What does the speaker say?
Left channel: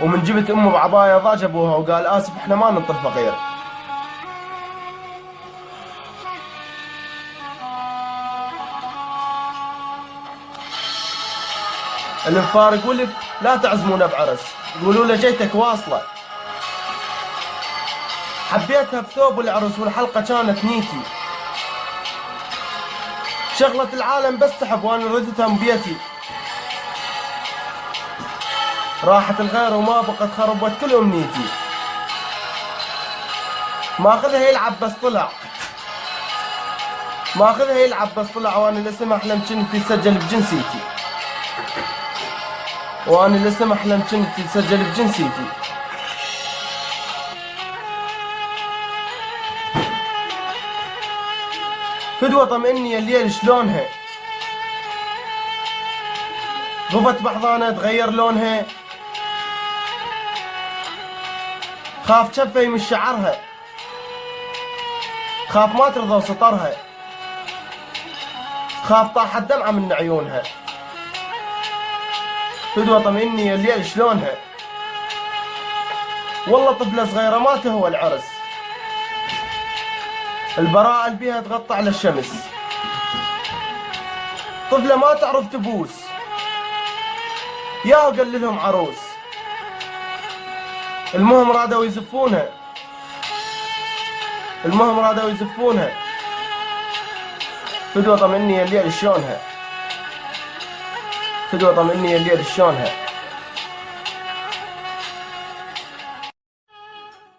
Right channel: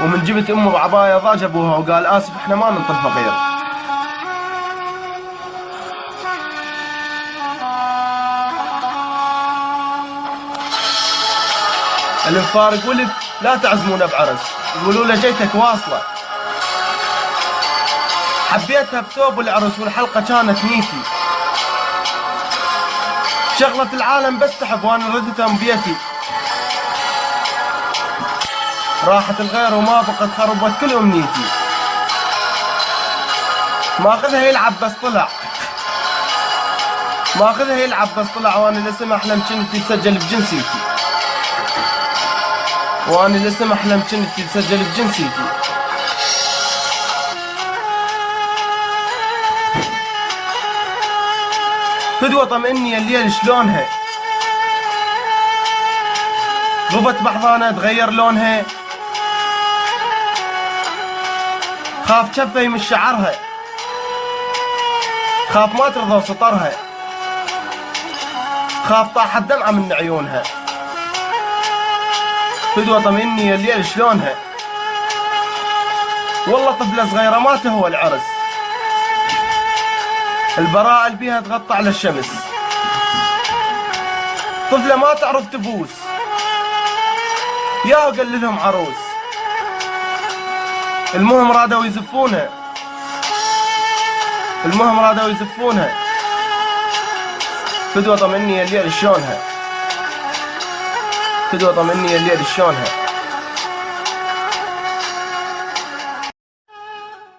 ومن جبت امه بعباية ضاج ابوها وقال اسف احنا ما ننطر فقير. المفارق ولف لا تعزمونه بعرس، يقولوا له جيتك واصلة. حبيتها بثوب العرس والحلقة كانت نيتي، شغلة العالم بس تحب وانا ردتها من بيتي. راحت الغير وما بقت خربت كل امنيتي، ماخذها يلعب بس طلع، ماخذها يلعب بس طلع، وانا الاسم احلم كنتي تسجل بجنسيتي، وانا الاسم احلم كنتي تسجل بجنسيتي. فدوة طمئني الليل شلونها، غفت بحضانة تغير لونها، خاف شفي من شعرها، خاف ما ترضى سطرها، خاف طاحت دمعة من عيونها. فدوة طمئني الليل شلونها، والله طفلة صغيرة ما تهوى العرس، البراءة اللي بيها تغطى على الشمس، طفلة ما تعرف تبوس، يا قال لهم عروس. المهم رادوا يزفونها، المهم رادوا يزفونها. فدوة طمئني الليل شلونها، فدوة طمئني الليل شلونها.